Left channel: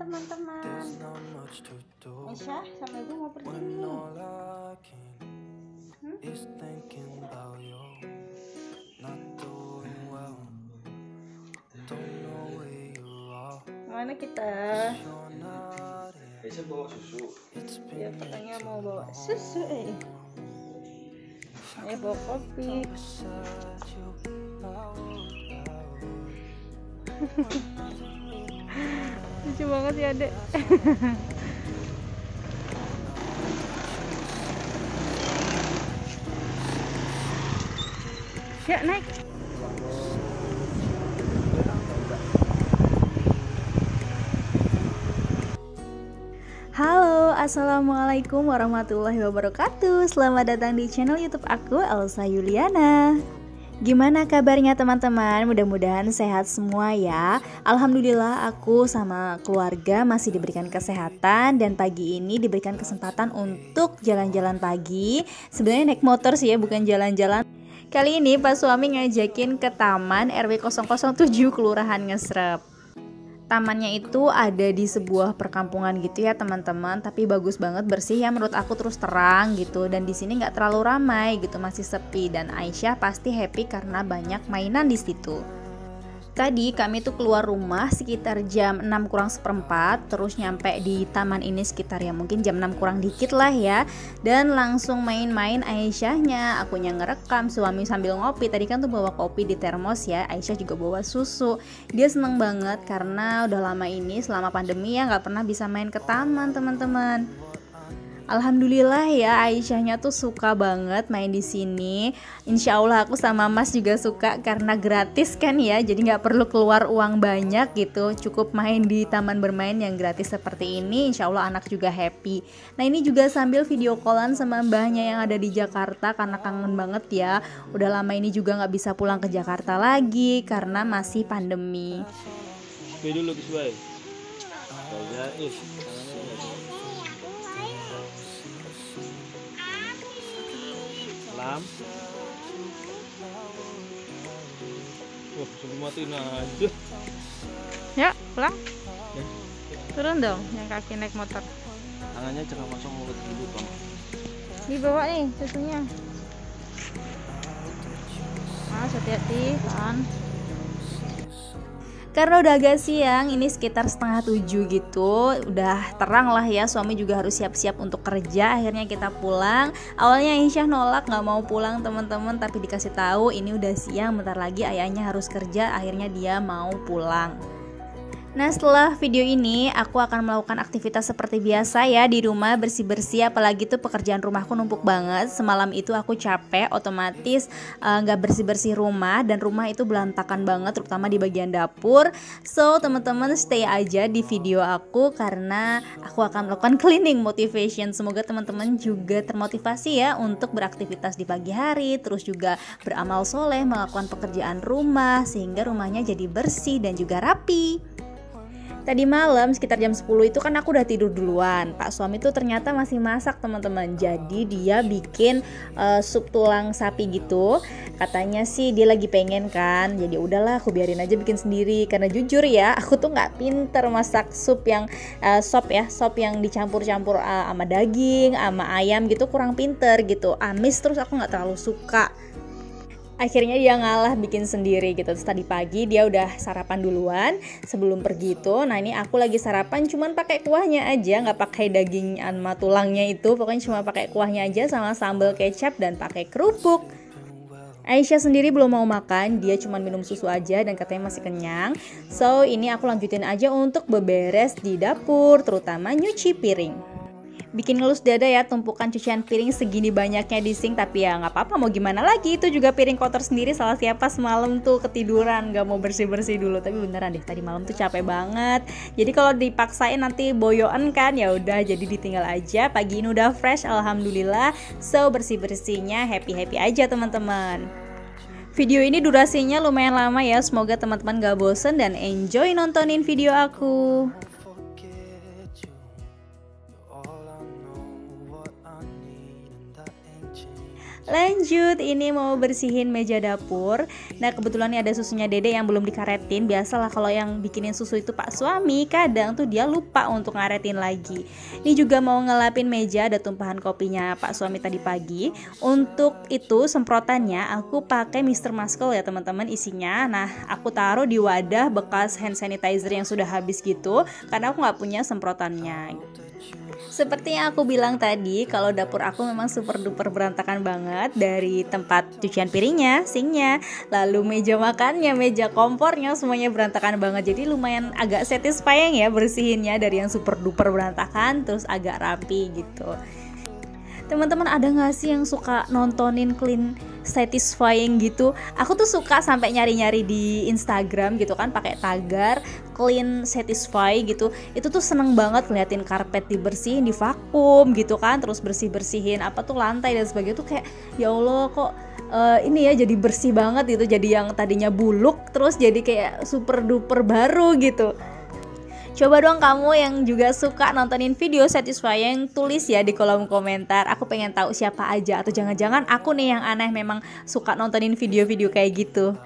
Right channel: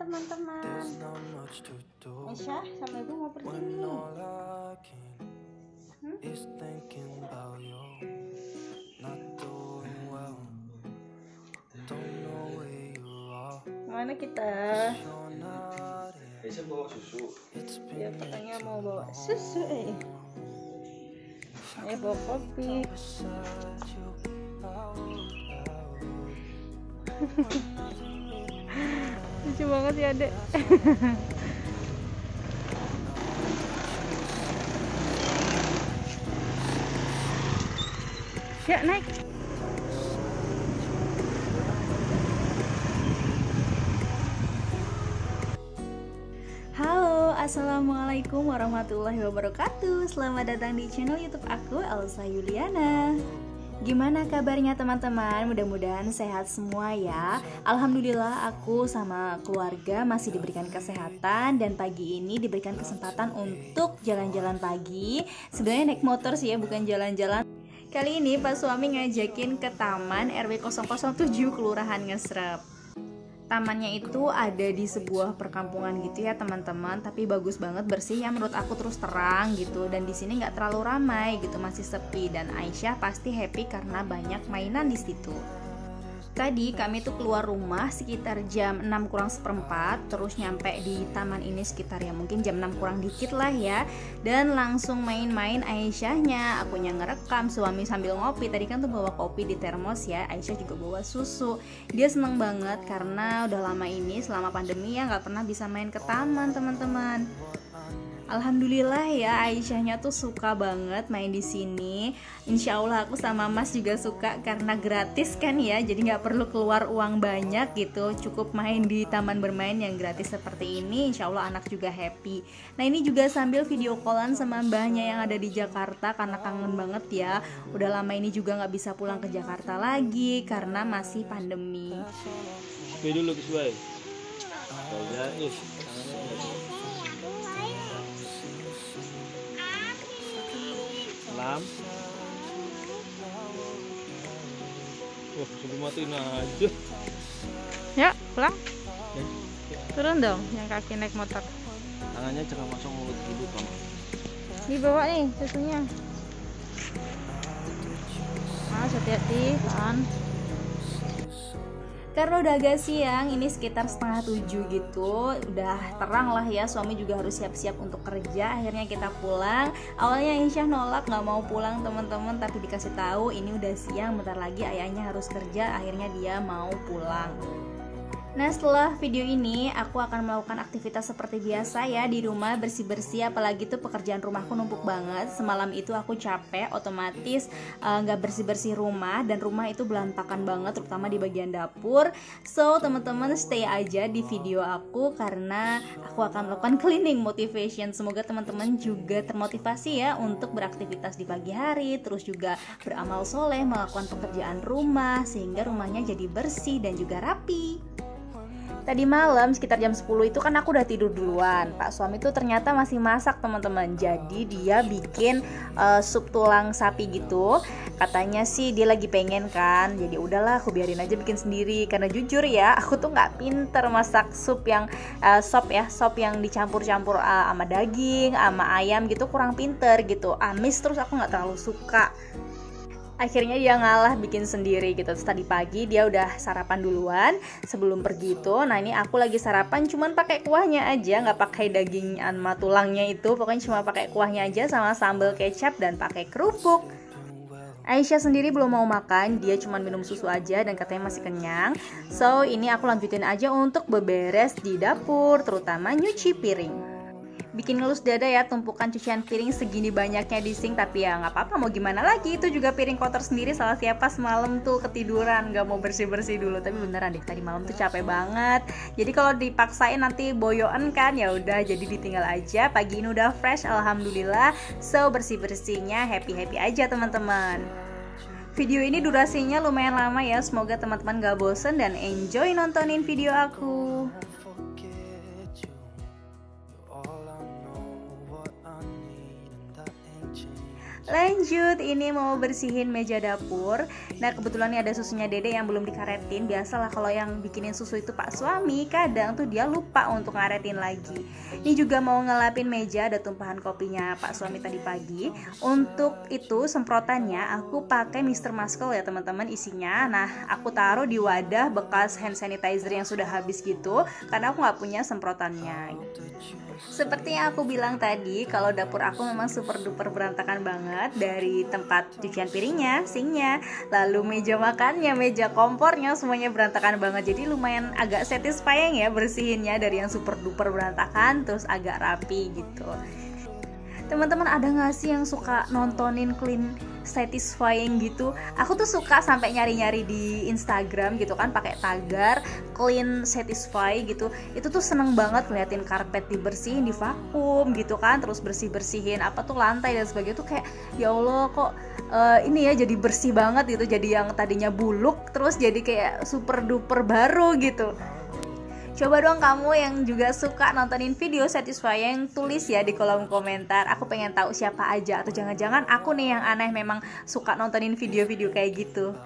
teman-teman. Aisyah sama ibu mau pergi nih. Mana kita? Aisyah bawa susu. Ya katanya mau bawa susu. Ayo bawa kopi. Lucu banget ya adek. Ya naik. Halo, assalamualaikum warahmatullahi wabarakatuh. Selamat datang di channel YouTube aku, Elsa Yuliana. Gimana kabarnya teman-teman? Mudah-mudahan sehat semua ya. Alhamdulillah aku sama keluarga masih diberikan kesehatan dan pagi ini diberikan kesempatan untuk jalan-jalan pagi. Sebenarnya naik motor sih ya, bukan jalan-jalan. Kali ini Pak suami ngajakin ke Taman RW 007 Kelurahan Ngesrep. Tamannya itu ada di sebuah perkampungan gitu ya teman-teman, tapi bagus banget, bersih ya menurut aku, terus terang gitu, dan di sini nggak terlalu ramai gitu, masih sepi, dan Aisyah pasti happy karena banyak mainan di situ. Tadi kami tuh keluar rumah sekitar jam 6 kurang seperempat, terus nyampe di taman ini sekitar ya mungkin jam 6 kurang dikit lah ya, dan langsung main-main Aisyahnya, akunya ngerekam, suami sambil ngopi. Tadi kan tuh bawa kopi di termos ya, Aisyah juga bawa susu. Dia seneng banget karena udah lama ini selama pandemi ya nggak pernah bisa main ke taman teman-teman. Alhamdulillah ya, Aisyahnya tuh suka banget main di sini. Insya Allah aku sama Mas juga suka karena gratis kan ya, jadi nggak perlu keluar uang banyak gitu. Cukup main di taman bermain yang gratis seperti ini. Insya Allah anak juga happy. Nah ini juga sambil video callan sama mbahnya yang ada di Jakarta karena kangen banget ya. Udah lama ini juga nggak bisa pulang ke Jakarta lagi karena masih pandemi. Oke dulu kesuai. Salam. Wah, sebelum matiin aja. Ya, pulang. Turun dong, yang kaki naik motor. Tangannya jangan masuk mulut dulu, Bang. Dibawa nih susunya. Hati-hati kan. Karena udah agak siang, ini sekitar 6:30 gitu, udah terang lah ya, suami juga harus siap-siap untuk kerja. Akhirnya kita pulang. Awalnya Aisyah nolak nggak mau pulang teman-teman, tapi dikasih tahu ini udah siang, bentar lagi ayahnya harus kerja. Akhirnya dia mau pulang. Nah setelah video ini aku akan melakukan aktivitas seperti biasa ya di rumah, bersih-bersih, apalagi tuh pekerjaan rumahku numpuk banget. Semalam itu aku capek, otomatis nggak bersih-bersih rumah, dan rumah itu berantakan banget terutama di bagian dapur. So teman-teman stay aja di video aku karena aku akan melakukan cleaning motivation. Semoga teman-teman juga termotivasi ya untuk beraktivitas di pagi hari, terus juga beramal soleh, melakukan pekerjaan rumah sehingga rumahnya jadi bersih dan juga rapi. Tadi malam sekitar jam 10 itu kan aku udah tidur duluan. Pak suami tuh ternyata masih masak teman-teman. Jadi dia bikin sup tulang sapi gitu. Katanya sih dia lagi pengen kan. Jadi udahlah aku biarin aja bikin sendiri. Karena jujur ya aku tuh nggak pinter masak sup yang sop yang dicampur-campur sama daging, sama ayam gitu, kurang pinter gitu. Amis, terus aku nggak terlalu suka. Akhirnya dia ngalah bikin sendiri gitu. Terus tadi pagi dia udah sarapan duluan sebelum pergi tuh. Nah ini aku lagi sarapan cuman pakai kuahnya aja, nggak pakai daging sama tulangnya itu. Pokoknya cuma pakai kuahnya aja sama sambal kecap dan pakai kerupuk. Aisyah sendiri belum mau makan, dia cuma minum susu aja dan katanya masih kenyang. So ini aku lanjutin aja untuk beberes di dapur, terutama nyuci piring. Bikin ngelus dada ya, tumpukan cucian piring segini banyaknya di sink, tapi ya nggak apa-apa, mau gimana lagi, itu juga piring kotor sendiri. Salah siapa semalam tuh ketiduran nggak mau bersih-bersih dulu, tapi beneran deh tadi malam tuh capek banget. Jadi kalau dipaksain nanti boyoan kan, ya udah jadi ditinggal aja. Pagi ini udah fresh alhamdulillah. So bersih-bersihnya happy aja teman-teman. Video ini durasinya lumayan lama ya, semoga teman-teman gak bosen dan enjoy nontonin video aku. Lanjut, ini mau bersihin meja dapur. Nah kebetulan nih ada susunya Dede yang belum dikaretin. Biasalah kalau yang bikinin susu itu pak suami, kadang tuh dia lupa untuk ngaretin lagi. Ini juga mau ngelapin meja, ada tumpahan kopinya pak suami tadi pagi. Untuk itu semprotannya aku pakai Mr. Muscle ya teman-teman isinya. Nah aku taruh di wadah bekas hand sanitizer yang sudah habis gitu, karena aku nggak punya semprotannya. Seperti yang aku bilang tadi, kalau dapur aku memang super duper berantakan banget. Dari tempat cucian piringnya, sinknya, lalu meja makannya, meja kompornya, semuanya berantakan banget. Jadi lumayan agak satisfying ya bersihinnya, dari yang super duper berantakan terus agak rapi gitu. Teman-teman ada gak sih yang suka nontonin clean satisfying gitu? Aku tuh suka sampai nyari-nyari di Instagram gitu kan, pakai tagar clean satisfy gitu. Itu tuh seneng banget ngeliatin karpet dibersihin, di vakum gitu kan, terus bersih-bersihin apa tuh lantai dan sebagainya. Tuh kayak ya Allah kok ini ya jadi bersih banget gitu. Jadi yang tadinya buluk terus jadi kayak super duper baru gitu. Coba dong kamu yang juga suka nontonin video satisfying, tulis ya di kolom komentar. Aku pengen tahu siapa aja, atau jangan-jangan aku nih yang aneh memang suka nontonin video-video kayak gitu.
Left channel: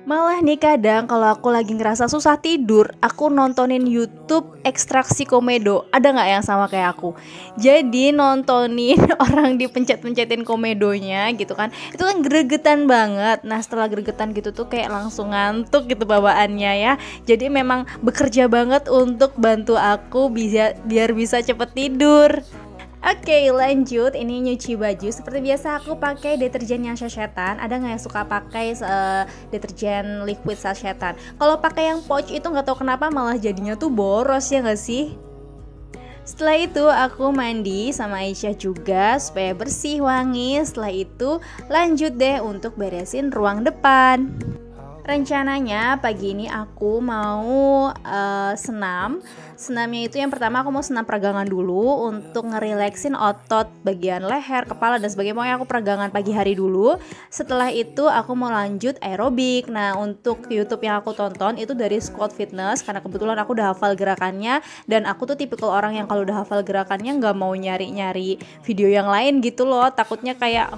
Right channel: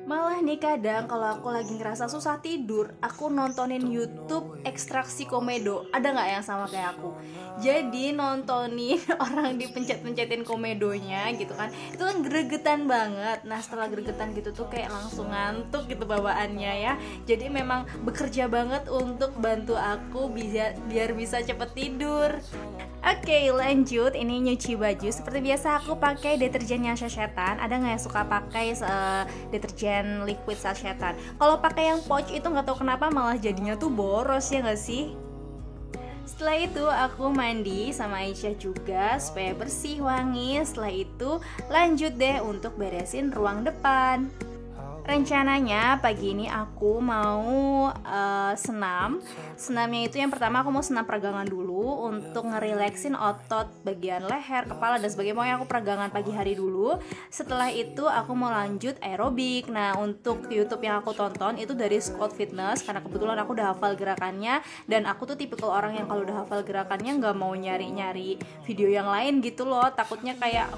Malah nih kadang kalau aku lagi ngerasa susah tidur, aku nontonin YouTube ekstraksi komedo. Ada gak yang sama kayak aku? Jadi nontonin orang dipencet-pencetin komedonya gitu kan, itu kan gregetan banget. Nah setelah gregetan gitu tuh kayak langsung ngantuk gitu bawaannya ya. Jadi memang bekerja banget untuk bantu aku biar bisa cepet tidur. Oke, lanjut. Ini nyuci baju. Seperti biasa aku pakai deterjen yang sachet-an. Ada nggak yang suka pakai deterjen liquid sachet-an? Kalau pakai yang pouch itu nggak tahu kenapa malah jadinya tuh boros ya nggak sih? Setelah itu aku mandi sama Aisyah juga supaya bersih wangi. Setelah itu lanjut deh untuk beresin ruang depan. Rencananya pagi ini aku mau senam. Senamnya itu yang pertama aku mau senam peregangan dulu untuk ngerileksin otot bagian leher, kepala dan sebagainya. Pokoknya aku peregangan pagi hari dulu. Setelah itu aku mau lanjut aerobik. Nah untuk YouTube yang aku tonton itu dari Squad Fitness, karena kebetulan aku udah hafal gerakannya. Dan aku tuh tipikal orang yang kalau udah hafal gerakannya gak mau nyari-nyari video yang lain gitu loh. Takutnya kayak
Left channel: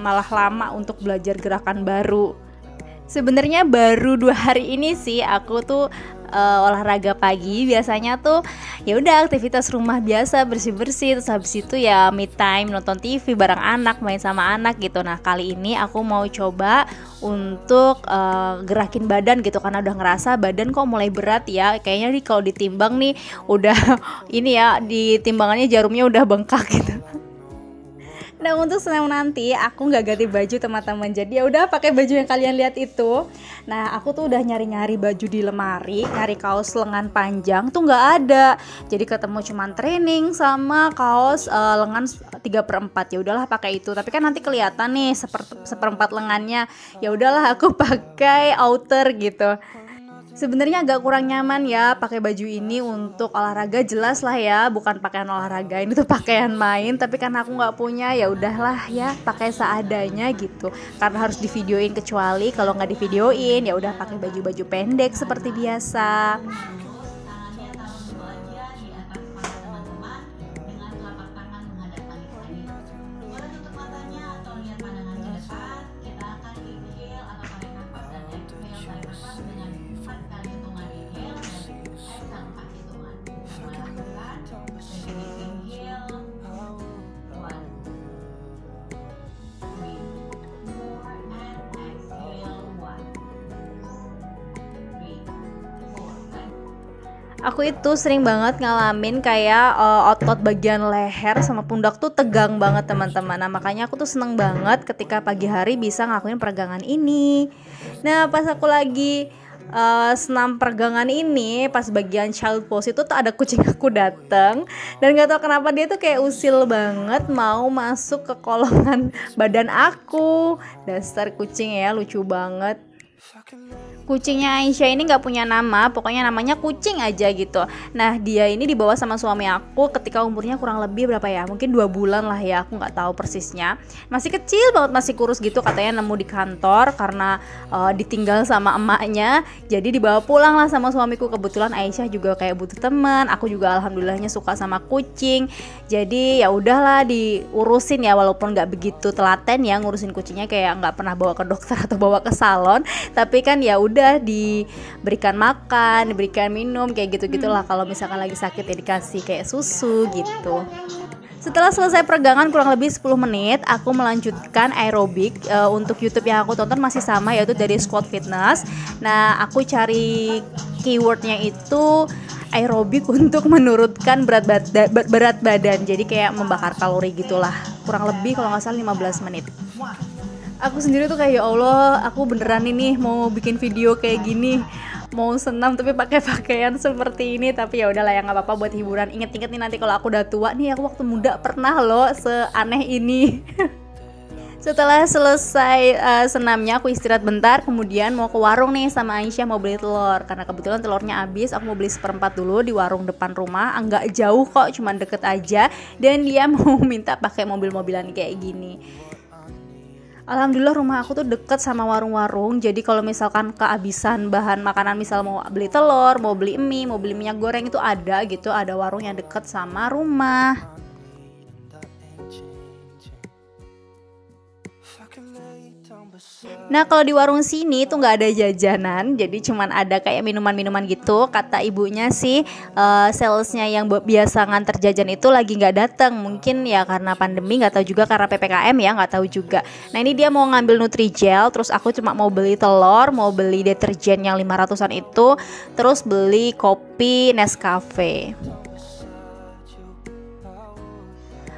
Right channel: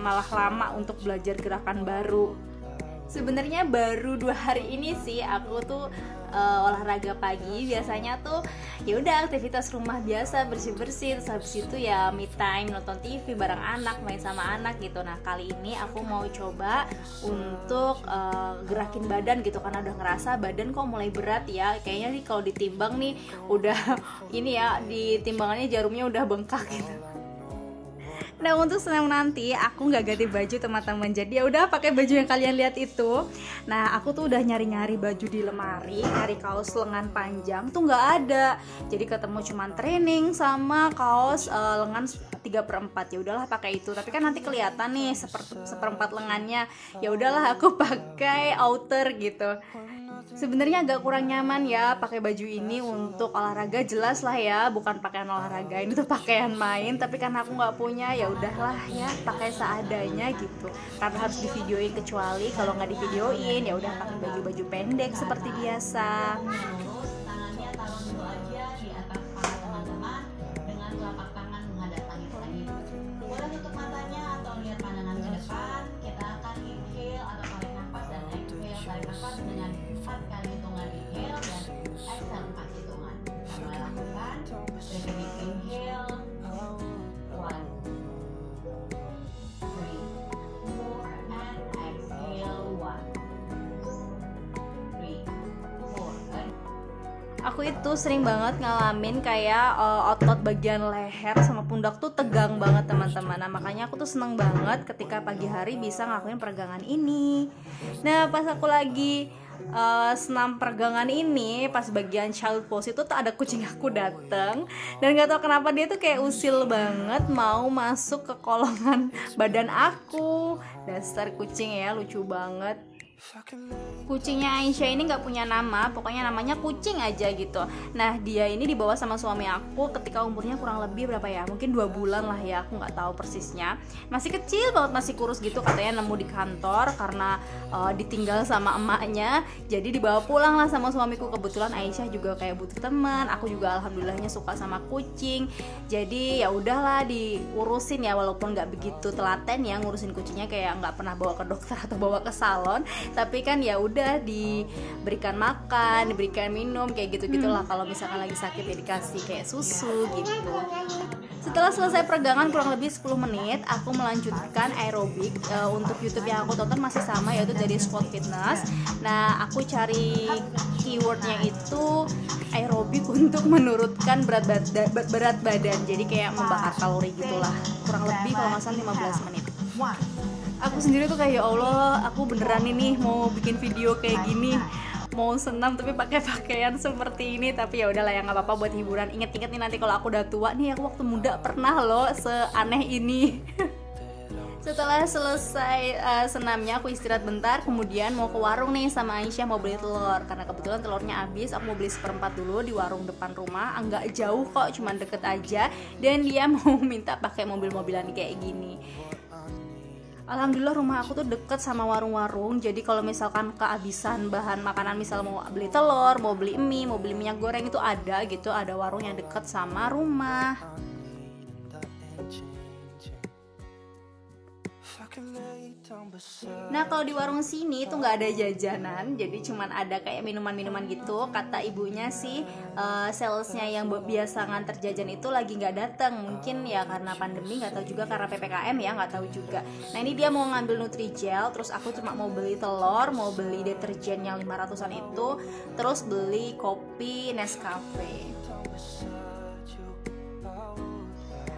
malah lama untuk belajar gerakan baru. Sebenarnya baru 2 hari ini sih aku tuh olahraga pagi. Biasanya tuh ya udah aktivitas rumah biasa, bersih-bersih, terus habis itu ya me time, nonton TV bareng anak, main sama anak gitu. Nah kali ini aku mau coba untuk gerakin badan gitu, karena udah ngerasa badan kok mulai berat ya. Kayaknya nih kalau ditimbang nih udah ini ya, di timbangannya jarumnya udah bengkak gitu. Nah untuk senam nanti aku nggak ganti baju teman-teman, jadi ya udah pakai baju yang kalian lihat itu. Nah aku tuh udah nyari-nyari baju di lemari, cari kaos lengan panjang tuh nggak ada, jadi ketemu cuman training sama kaos lengan 3/4. Ya udahlah pakai itu, tapi kan nanti kelihatan nih seperempat lengannya. Ya udahlah aku pakai outer gitu. Sebenarnya agak kurang nyaman ya pakai baju ini untuk olahraga, jelas lah ya, bukan pakaian olahraga, ini tuh pakaian main. Tapi karena aku nggak punya, ya udahlah ya pakai seadanya gitu. Karena harus divideoin, kecuali kalau nggak divideoin ya udah pakai baju-baju pendek seperti biasa. Aku itu sering banget ngalamin kayak otot bagian leher sama pundak tuh tegang banget teman-teman. Nah makanya aku tuh seneng banget ketika pagi hari bisa ngelakuin peregangan ini. Nah pas aku lagi senam peregangan ini, pas bagian child pose itu tuh ada kucing aku dateng, dan gak tahu kenapa dia tuh kayak usil banget mau masuk ke kolongan badan aku. Dasar kucing ya, lucu banget. Kucingnya Aisyah ini nggak punya nama, pokoknya namanya kucing aja gitu. Nah dia ini dibawa sama suami aku ketika umurnya kurang lebih berapa ya, mungkin 2 bulan lah ya, aku nggak tahu persisnya. Masih kecil banget, masih kurus gitu, katanya nemu di kantor karena ditinggal sama emaknya. Jadi dibawa pulang lah sama suamiku. Kebetulan Aisyah juga kayak butuh teman, aku juga alhamdulillahnya suka sama kucing. Jadi ya udahlah diurusin ya, walaupun nggak begitu telaten ya ngurusin kucingnya, kayak nggak pernah bawa ke dokter atau bawa ke salon. Tapi kan ya udah diberikan makan, diberikan minum kayak gitu-gitulah. Kalau misalkan lagi sakit ya dikasih kayak susu gitu. Setelah selesai peregangan kurang lebih 10 menit, aku melanjutkan aerobik. Untuk YouTube yang aku tonton masih sama, yaitu dari Squad Fitness. Nah, aku cari keywordnya itu aerobik untuk menurunkan berat badan. Jadi kayak membakar kalori gitulah. Kurang lebih kalau nggak salah 15 menit. Aku sendiri tuh kayak ya Allah, aku beneran ini mau bikin video kayak gini, mau senam tapi pakai pakaian seperti ini. Tapi ya udahlah ya, nggak apa-apa buat hiburan. Ingat-ingat nih nanti kalau aku udah tua nih, aku waktu muda pernah loh seaneh ini. Setelah selesai senamnya, aku istirahat bentar, kemudian mau ke warung nih sama Aisyah mau beli telur. Karena kebetulan telurnya habis, aku mau beli 1/4 dulu di warung depan rumah. Enggak jauh kok, cuman deket aja. Dan dia mau minta pakai mobil-mobilan kayak gini. Alhamdulillah rumah aku tuh deket sama warung-warung. Jadi kalau misalkan kehabisan bahan makanan, misal mau beli telur, mau beli mie, mau beli minyak goreng, itu ada gitu. Ada warung yang deket sama rumah. Nah kalau di warung sini tuh nggak ada jajanan, jadi cuman ada kayak minuman-minuman gitu. Kata ibunya sih salesnya yang biasa nganter jajan itu lagi nggak datang, mungkin ya karena pandemi, nggak tahu juga karena PPKM ya, nggak tahu juga. Nah ini dia mau ngambil Nutrijel, terus aku cuma mau beli telur, mau beli deterjen yang 500-an itu, terus beli kopi Nescafe.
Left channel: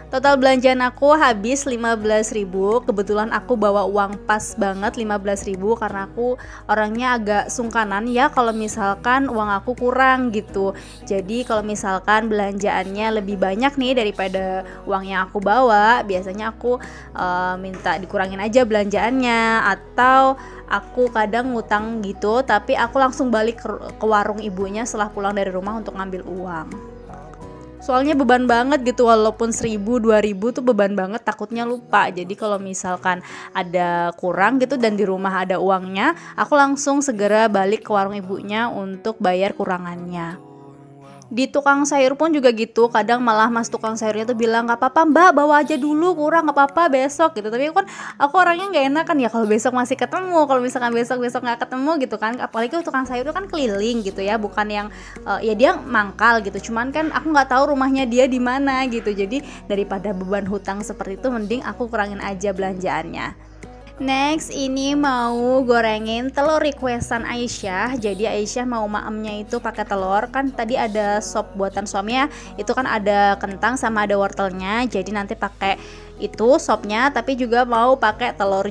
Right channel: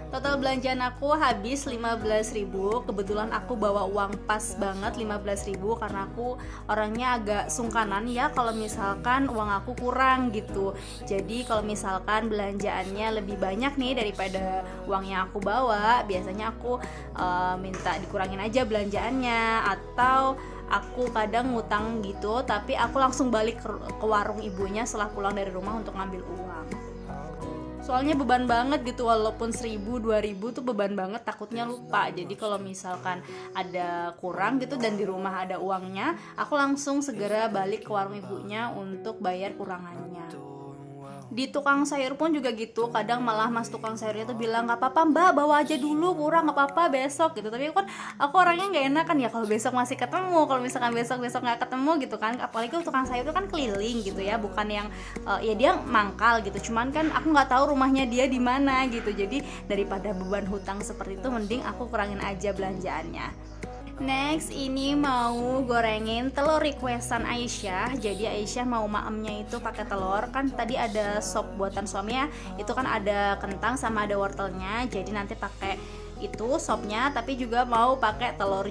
Total belanjaan aku habis 15.000. Kebetulan aku bawa uang pas banget 15.000 karena aku orangnya agak sungkanan ya kalau misalkan uang aku kurang gitu. Jadi kalau misalkan belanjaannya lebih banyak nih daripada uang yang aku bawa, biasanya aku minta dikurangin aja belanjaannya, atau aku kadang ngutang gitu, tapi aku langsung balik ke warung ibunya setelah pulang dari rumah untuk ngambil uang. Soalnya beban banget gitu, walaupun 1.000, 2.000 tuh beban banget, takutnya lupa. Jadi kalau misalkan ada kurang gitu dan di rumah ada uangnya, aku langsung segera balik ke warung ibunya untuk bayar kurangannya. Di tukang sayur pun juga gitu, kadang malah mas tukang sayurnya tuh bilang nggak apa-apa mbak, bawa aja dulu, kurang nggak apa-apa besok gitu. Tapi kan aku orangnya nggak enak kan ya kalau besok masih ketemu, kalau misalkan besok nggak ketemu gitu kan. Apalagi tukang sayur itu kan keliling gitu ya, bukan yang ya dia mangkal gitu, cuman kan aku nggak tahu rumahnya dia di mana gitu. Jadi daripada beban hutang seperti itu, mending aku kurangin aja belanjaannya. Next ini mau gorengin telur requestan Aisyah. Jadi Aisyah mau maemnya itu pakai telur. Kan tadi ada sop buatan suami ya, itu kan ada kentang sama ada wortelnya. Jadi nanti pakai itu sopnya, tapi juga mau pakai telur.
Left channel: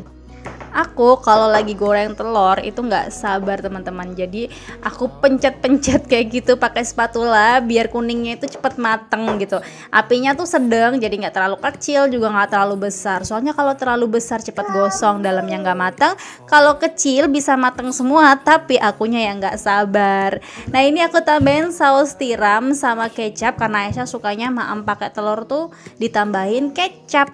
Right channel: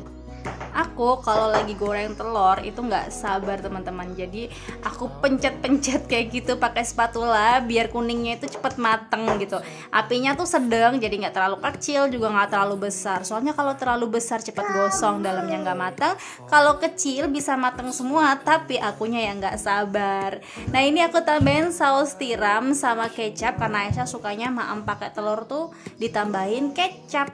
Aku kalau lagi goreng telur itu nggak sabar teman-teman. Jadi aku pencet-pencet kayak gitu pakai spatula biar kuningnya itu cepet mateng gitu. Apinya tuh sedang, jadi nggak terlalu kecil juga nggak terlalu besar. Soalnya kalau terlalu besar cepet gosong, dalamnya nggak matang. Kalau kecil bisa mateng semua, tapi akunya yang nggak sabar. Nah ini aku tambahin saus tiram sama kecap karena Aisyah sukanya maem pakai telur tuh ditambahin kecap.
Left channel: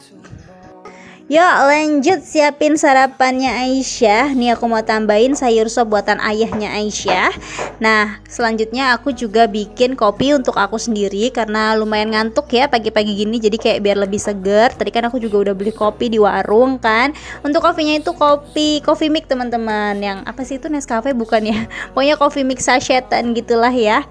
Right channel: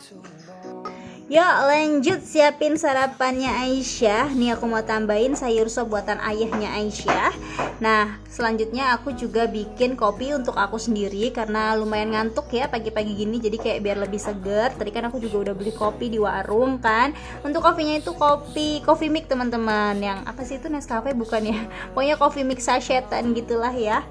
Yuk lanjut siapin sarapannya Aisyah. Nih aku mau tambahin sayur sop buatan ayahnya Aisyah. Nah selanjutnya aku juga bikin kopi untuk aku sendiri karena lumayan ngantuk ya pagi-pagi gini. Jadi kayak biar lebih seger. Tadi kan aku juga udah beli kopi di warung kan. Untuk kopinya itu coffee mix teman-teman. Yang apa sih itu, Nescafe bukan ya? Pokoknya coffee mix sachet-an gitulah ya.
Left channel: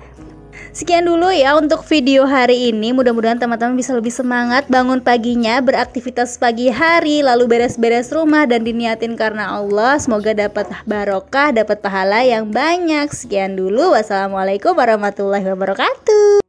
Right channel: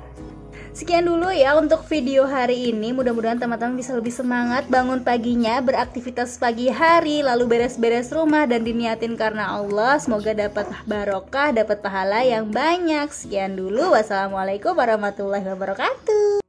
Sekian dulu ya untuk video hari ini. Mudah-mudahan teman-teman bisa lebih semangat bangun paginya, beraktivitas pagi hari, lalu beres-beres rumah dan diniatin karena Allah. Semoga dapat barokah, dapat pahala yang banyak. Sekian dulu. Wassalamualaikum warahmatullahi wabarakatuh.